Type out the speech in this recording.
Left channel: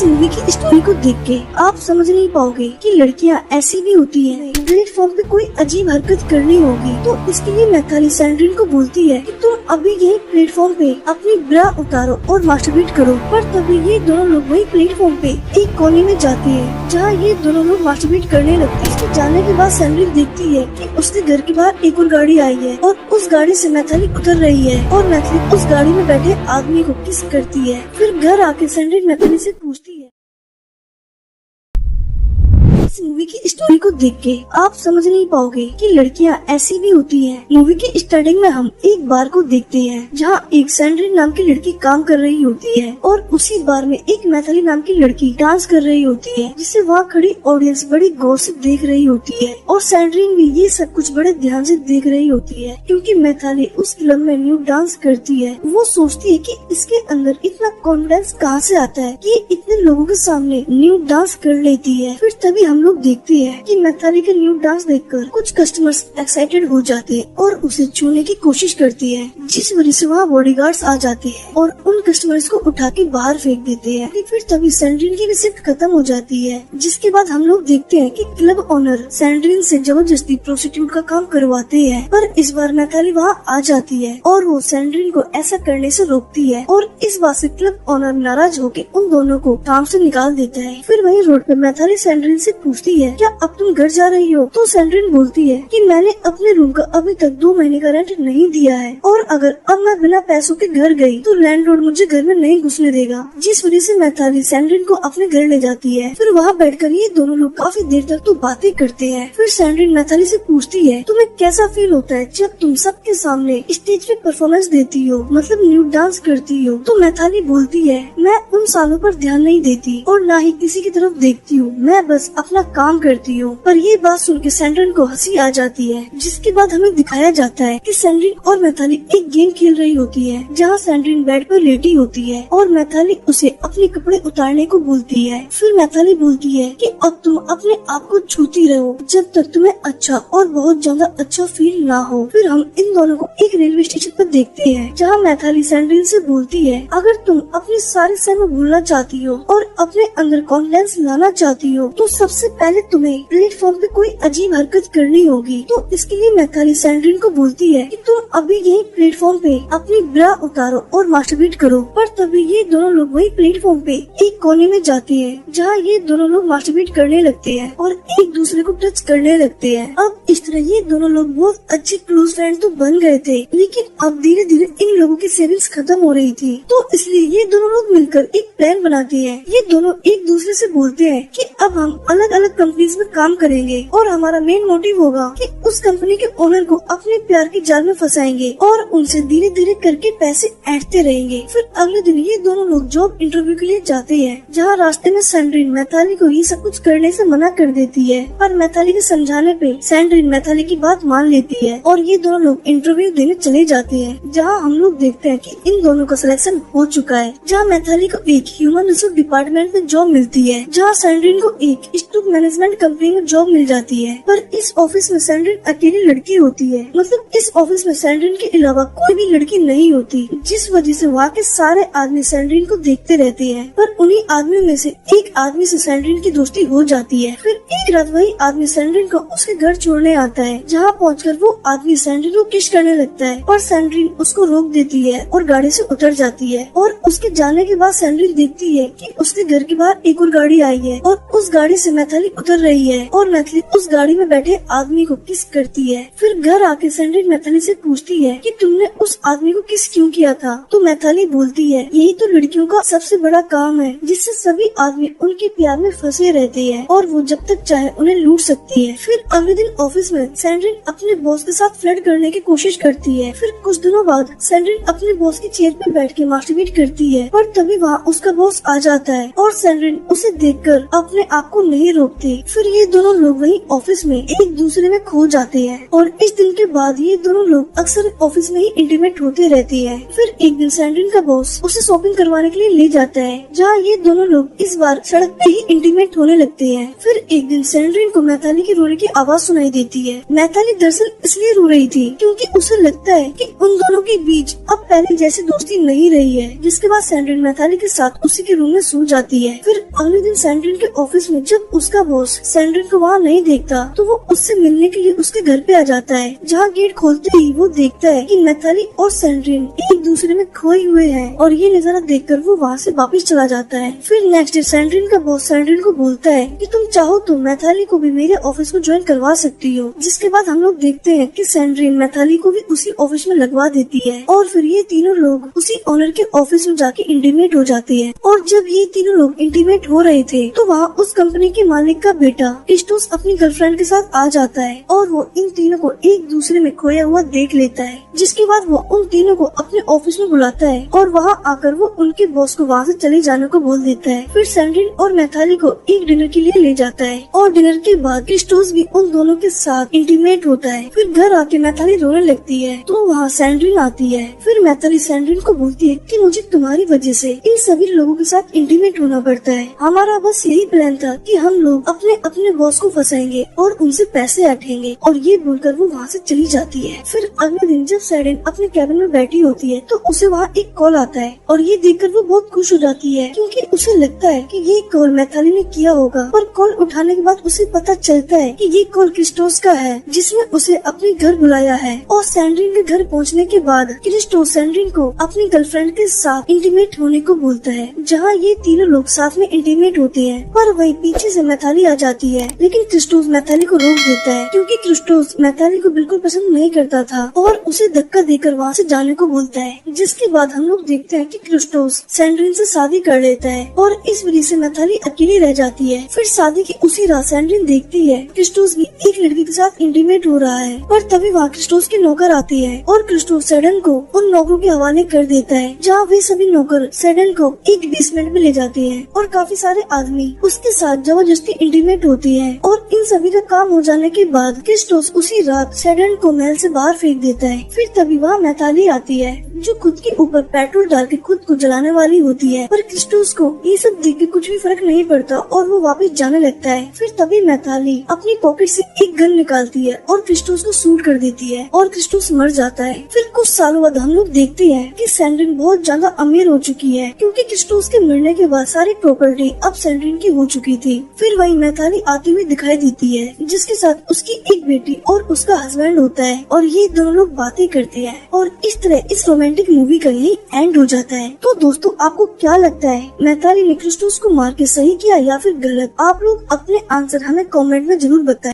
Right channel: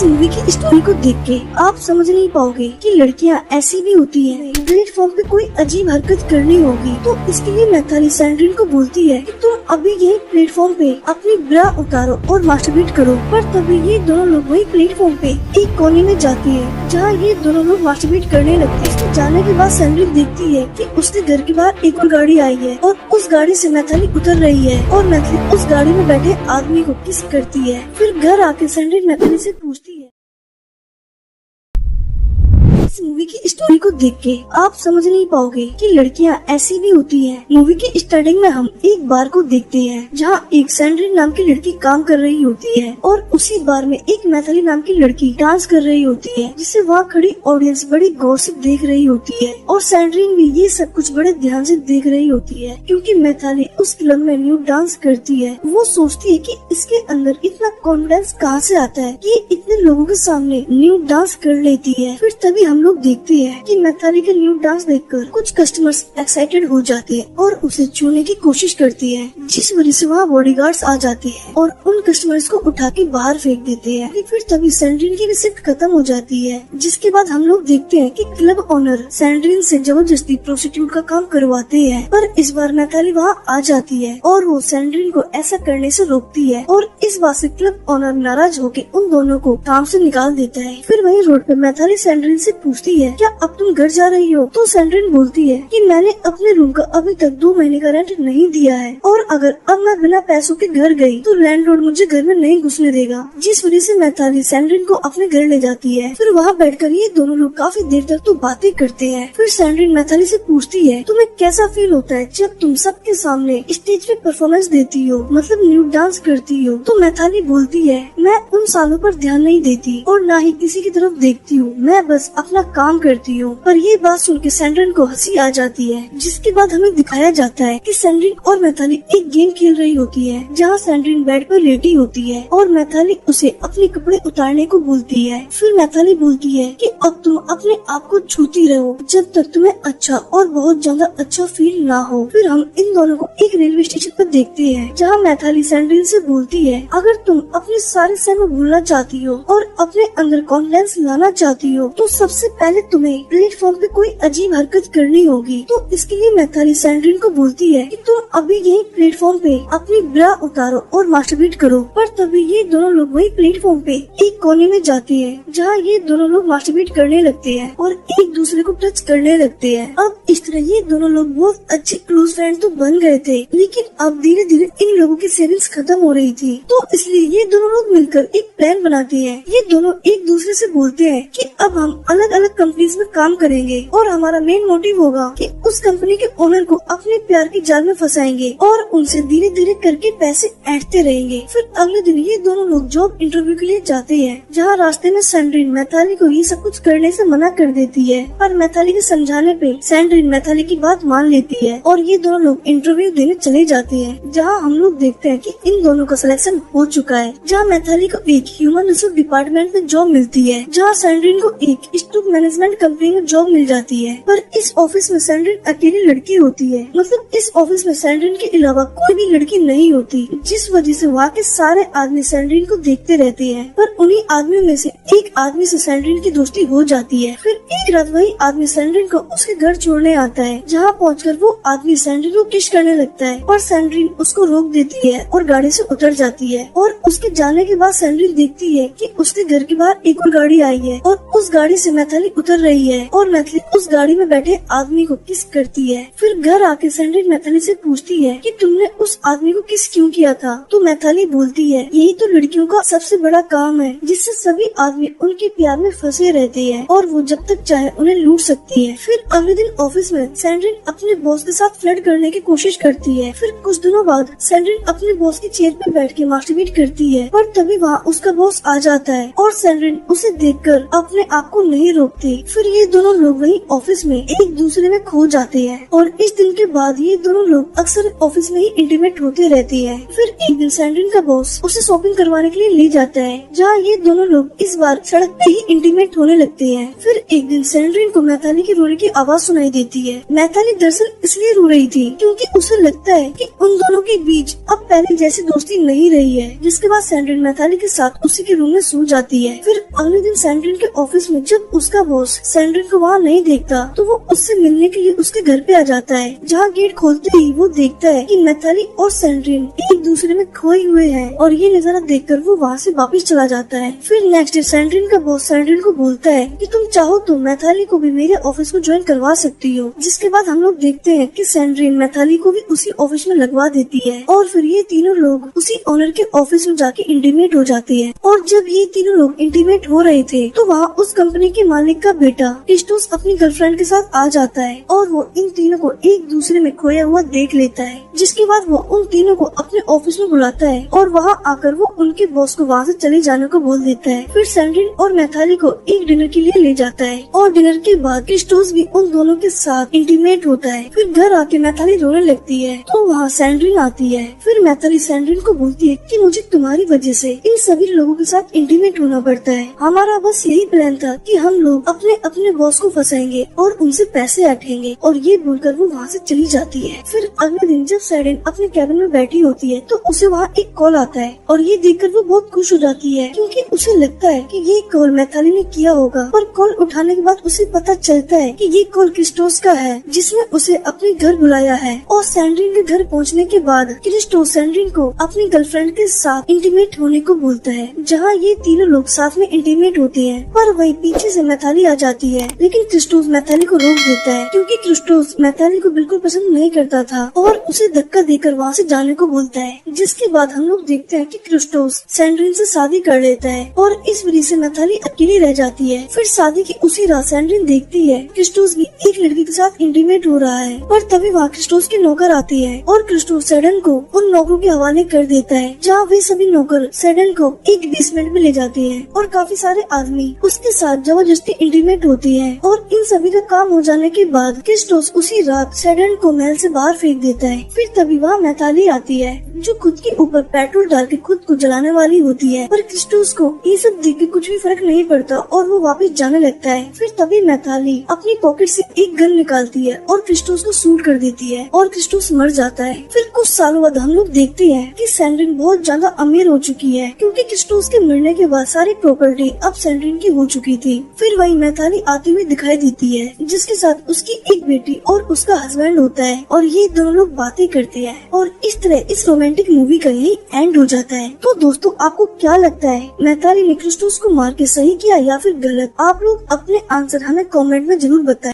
इस मूवी की स्टोरी को देख के आप समझ नहीं पाओगे कि लड़कियां ऐसी भी होती हैं। प्लेटफॉर्म पे कोई अजीब हरकत करनी होगी तो इसके लिए मैथाली सैंड्रिन को बोलती है कि तुम अभी यही प्लेटफॉर्म पे अपनी ब्रा उतारो और मास्टरबेट करो। पर तभी ये दोनों लोग वही प्लेटफॉर्म पे एक कॉलोनी में जाती है जहाँ ये दोनों लोग मास्टरबेट करने लगते हैं। जाने के बाद सैंड्रिन देखती है कि उसके घर के बाहर एक और गाड़ी आई है और उस गाड़ी से मैथाली उतर रही है और मैथाली उस गाड़ी में बैठे आदमी को किस करती है। फिर घर आके सैंड्रिन मैथाली से पूछती है। इस मूवी की स्टोरी को देख के आप समझ नहीं पाओगे कि लड़कियां ऐसी भी होती हैं। मूवी की स्टार्टिंग में हम एक बार को देखते हैं जहां एक सैंड्रिन नाम की लड़की काम कर रही होती है और उसी बार में एक मैथाली नाम की लड़की डांस कर रही होती है जिसे वहाँ खड़ी ऑडियंस बड़ी गौर से देख रही होती है और सैंड्रिन भी ये सब कुछ बड़े ध्यान से देख रही होती है क्योंकि मैथाली उस फिल्म में न्यू डांस करती है। वो सोचती है कि इसके अंदर इतना कॉन्फिडेंस कहाँ से आता है कि इतने लोगों के सामने न्यू डांस कर लेती है। फिर तभी हम लोग देखते हैं कि मैथाली का न्यू डांस देखकर कुछ कस्टमर्स एक्साइटेड हो जाते हैं और उसे छूने की कोशिश करती है जिस वजह से वहाँ बॉडीगार्ड्स आ जाते हैं और उन कस्टमर्स को उठा के बाहर फेंक देते हैं। फिर तभी सैंड्रिन की रिसिप्ट खत्म हो जाती है जिसके बाद हम लोग देखते हैं कि क्लब ओनर सैंड्रिन से जबरदस्ती प्रोस्टिट्यूट का काम करवाते हैं। पर इस बार मैथाली वहाँ आ जाती है और वो सैंड्रिन को ऐसा करने से रोकती है और इस बात से क्लब ओनर नाराज होकर उन दोनों को काम से निकाल देता है। फिर वही रोड पर मैथाली सैंड्रिन से पूछती है क्या अब तुम घर जा रही हो? तो सैंड्रिन बोलती है कि मैंने अपने रूम का अभी तक 2 महीने का रेंट नहीं दिया है और अगर अब मैं बिना पैसों के घर गई तो लैंडलॉर्ड मुझे घर में नहीं घुसने देगा। जिस वजह से मैथाली सैंड्रिन को अपने घर ले जाती है। फिर वहाँ बैठकर ये दोनों लोग काफी देर तक तो बातें करते हैं। फिर सैंड्रिन मैथाली से पूछती है तुम्हें कैसा फील होता है जब तुम सबके सामने स्टेज पे परफॉर्मेंस देती हो, मतलब न्यू डांस करती हो? तो मैथाली बोलती है मैं उन सालों पर ध्यान नहीं देती और न ही किसी की तरफ देखती हूँ, मैं बस अपना काम करती हूँ। पर ये बात सुन के सैंड्रिन को हंसी आ जाती है जिसके बाद हमें दिखाया जाता है कि सैंड्रिन और मैथाली एक गेम खेल रही होती है जहाँ सैंड्रिन बेड पर लेटी होती है और मैथाली उसे अपने कपड़े उतारने को बोलती है। फिर मैथाली बोलती है कि अब तुम अपने आप को छूती रहो जब तक तुम्हें अच्छा और बहुत ज्यादा अच्छा फील ना हो। फिर हम इन दोनों को एक रेलवे स्टेशन पर देखते हैं जहाँ मैथाली सैंड्रिन से बोलती है अगर तुम अपने सारे समय भूलना चाहती हो और अपने अंदर कॉन्फिडेंस लाना चाहती हो तो सबसे पहले तुम्हें प्लेटफॉर्म पे कोई अजीब हरकत करनी होगी। तो इसके लिए मैथाली सैंड्रिन को बोलती है कि तुम अभी यही प्लेटफॉर्म पे अपनी ब्रा उतारो और मास्टरबेट करो। पर तभी ये दोनों लोग वही प्लेटफॉर्म पे एक कोने में जाती है जहाँ ये दोनों लोग मास्टरबेट करने लगते हैं और एक दूसरे को टच करने लगते हैं। अब इस तरह ये दोनों लोग बहुत अच्छे क्लोज फ्रेंड तो बन गए थे लेकिन अब धीरे धीरे इन लोगों की सेविंग्स खत्म हो रही थी। तो इसलिए ये दोनों लोग मिलकर एक प्लान बनाती है। ये दोनों एक दूसरे से बोलते हैं कि अब हम अलग अलग कंपनीज में काम करेंगे और हमारा मेन मोटिव होगा कि उस कंपनी के ओनर को अपने प्यार के जाल में फंसाएंगे और उनसे धीरे धीरे करके पैसे ऐंठते रहेंगे। फिर अगले दिन ये दोनों लोग जॉब इंटरव्यू के लिए जाते हैं जहाँ रास्ते में सैंड्रिन मैथाली को ये सब कुछ करने से मना कर देती है। पर मैथाली के समझाने पे सैंड्रिन मैथाली की बात मान लेती है और ये दोनों लोग इंटरव्यू देने चले जाते हैं जहाँ हम लोग देखते हैं कि इन दोनों का सिलेक्शन हो चुका है। जहाँ मैथाली को एक ह्यूमन रिसोर्स डिपार्टमेंट में जॉब मिलती है जहाँ सैंड्रिन को एक स्टॉक मैनेजमेंट कंपनी में जॉब मिल जाती है। पर इस ऑफिस में सैंड्रिन अकेली लड़की होती है, मतलब इस ऑफिस में सैंड्रिन के अलावा कोई भी लड़की नहीं होती जिस वजह से वहाँ के सारे आदमी सैंड्रिन को देखते रहते हैं। पर उन्हीं आदमियों में से एक आदमी से सैंड्रिन की दोस्ती हो जाती है। फिर एक रात वही आदमी सैंड्रिन को उसके घर छोड़ने आता है जहाँ पहुंचकर वो आदमी सैंड्रिन को किस करने लगता है और सैंड्रिन उसको रोक देती है और गाड़ी से उतर जाती है। और उसके जाने के बाद सैंड्रिन देखती है कि उसके घर के बाहर एक और गाड़ी आई है और उस गाड़ी से मैथाली उतर रही है और मैथाली उस गाड़ी में बैठे आदमी को किस करती है। फिर घर आके सैंड्रिन मैथाली से पूछती है कि तुमने उस आदमी को किस क्यों किया था? तो मैथाली बोलती है यही तो लड़कियों का सबसे बड़ा काम है जिससे सभी आदमी उनके प्यार में फंसे रहते हैं और वो जब तक चाहे उन्हें लूट सकती है। फिर अगले दिन ऑफिस में सैंड्रिन अपने बॉस के साथ फ्लर्ट करने की कोशिश करती है। फिर कुछ दिनों बाद सैंड्रिन अपने बॉस की चेयर पे बैठ के मास्टरबेट करती है पर तभी वहाँ उसका बॉस आ जाता है और सैंड्रिन उसे देख देखकर अपने आप को नहीं रोकती। फिर ये दोनों लोग वही ऑफिस में एक दूसरे में खो जाते हैं और इस दिन के बाद ये दोनों लोग अक्सर ऑफिस में ही इंटीमेट होते रहते हैं। फिर एक दिन सैंड्रिन का बॉस उसे शॉपिंग करवाने के लिए ले जाता है, जहाँ ये दोनों लोग इस बार सड़क पे ही इंटीमेट होने लगते हैं। फिर एक दिन सैंड्रिन को मैथाली के रोने की आवाज सुनाई देती है। मैथाली दरअसल इसलिए रो रही थी क्योंकि उसे लगता है कि उन दोनों के बीच अब पहले जैसी दोस्ती नहीं रही है। जिसके बाद सैंड्रिन मैथाली के साथ उसी के रूम में सो जाती है। फिर अगले दिन सैंड्रिन के ऑफिस में जब उसका बॉस सैंड्रिन को वहाँ नहीं देखता तो वो उससे मिलने के लिए उसके घर पे आ जाता है, जहाँ गेट खोलते ही वो देखता है कि मैथाली और सैंड्रिन एक दूसरे में खोए हुए हैं और ये नजारा देखकर वो वहाँ से वापस चला जाता है। फिर नेक्स्ट डे सैंड्रिन का बॉस सैंड्रिन को बोलता है कि तुम चाहो तो मैथाली को भी मेरे ऑफिस में ज्वाइन करवा सकती हो। जिसके बाद हम लोग देखते हैं कि सैंड्रिन मैथाली को भी उसी ऑफिस में लगवा देती है और फिर ये तीनों लोग उसी ओनर के ऑफिस में जाके इंटीमेट हो जाते हैं। और जब ये तीनों लोग इंटीमेट हो रहे थे तो वहाँ उस कंपनी के मालिक का बेटा क्रिस्टोस अपनी गर्लफ्रेंड के साथ आ जाता है और वो इन तीनों को एक दूसरे में खोया हुआ देख लेता है। जिसके बाद वो उन तीनों को अपने ऑफिस में बुलाता है और वहाँ आकर वो उनके बॉस को वहाँ से चले जाने को बोल देता है। फिर सैंड्रिन और मैथाली को एक डिनर के लिए ले जाता है और डिनर के बाद क्रिस्टोस भी उन दोनों के साथ इंटीमेट होता है। फिर घर आके मैथाली रोने लगती है तो वहाँ सैंड्रिन आती है। फिर मैथाली सैंड्रिन को बोलती है कि मुझे तुम्हारी वजह से इन सभी लोगों के साथ इंटीमेट होना पड़ता है। हमारा बस यही प्लान था कि हम लोग अपने अपने बॉस को फंसाएंगे और उनसे पैसे हटेंगे। और ये बोलकर वो वहाँ से चली जाती है। फिर अगले दिन जब सैंड्रिन अपने कैबिन में बैठी होती है तो उसे वहाँ एक कॉल आता है और ये देखकर वो बहुत खुश हो जाती है क्योंकि उसे लगता है कि ये कॉल मैथाली ने किया होगा। पर कॉल उठाने के बाद उसे पता चलता है कि ये कॉल क्रिस्टोस का है जिसने उसे अपने घर बुलाया है। और सैंड्रिन के घर पहुँचने के बाद क्रिस्टोस सैंड्रिन को अपनी गर्लफ्रेंड के साथ इंटीमेट होने को बोलता है, जहाँ ये तीनों लोग साथ में इंटीमेट होते हैं। पर वही पीछे से मैथाली आ जाती है, लेकिन क्रिस्टोस मैथाली को रोक देता है क्योंकि क्रिस्टोस मैथाली को बिल्कुल पसंद नहीं करता था और उसे धक्का देकर वहाँ से जाने को बोलता है। जिसके बाद हम लोग देखते हैं कि क्रिस्टोस सैंड्रिन से शादी कर लेता है और इस वजह से मैथाली अकेली रह जाती है। फिर शादी की उसी रात सैंड्रिन देखती है क्रिस्टोस भी एक लड़की के साथ इंटीमेट हो रहा है। पर तभी वहाँ क्रिस्टोस के नौकर आते हैं और क्रिस्टोस सैंड्रिन को उन नौकरों के हवाले कर देता है, जहाँ वे सभी नौकर सैंड्रिन को एक बेसमेंट में ले जाते हैं और काफी सारे आदमी उसके साथ जबरदस्ती इंटीमेट होते हैं। और इन सभी का काम हो जाने के बाद क्रिस्टोस उसी रात सैंड्रिन को महल से बाहर फेंक देता है। फिर तभी वहाँ मैथाली आती है जो खुद के ऊपर पेट्रोल डाल के खुद को जलाने वाली होती है। पर क्रिस्टोस को ये सब देख के कुछ भी फर्क नहीं पड़ता और वो वापस जाने लगता है। फिर तभी मैथाली अपनी पॉकेट से एक गन निकालती है और क्रिस्टोस को शूट कर देती है और क्रिस्टोस मर जाता है। फिर कुछ सालों बाद हम लोग देखते हैं कि सैंड्रिन बहुत ज्यादा अमीर हो चुकी है क्योंकि क्रिस्टोस के मरने के बाद सारी प्रॉपर्टी अब सैंड्रिन की हो चुकी थी। फिर वही मैथाली आती हुई दिखाई देती है जिसके साथ उसकी एक बेटी और उसका हस्बैंड होता है और ये दोनों लोग बातें करते हैं और इस तरह इस रोमांटिक मूवी का यही एंड हो जाता है। तो दोस्तों आपको क्या लगता है, मैथाली ने क्रिस्टोस को मार के सही किया या फिर गलत? आप लोग अपने आंसर हमें कमेंट में जरूर बताएं।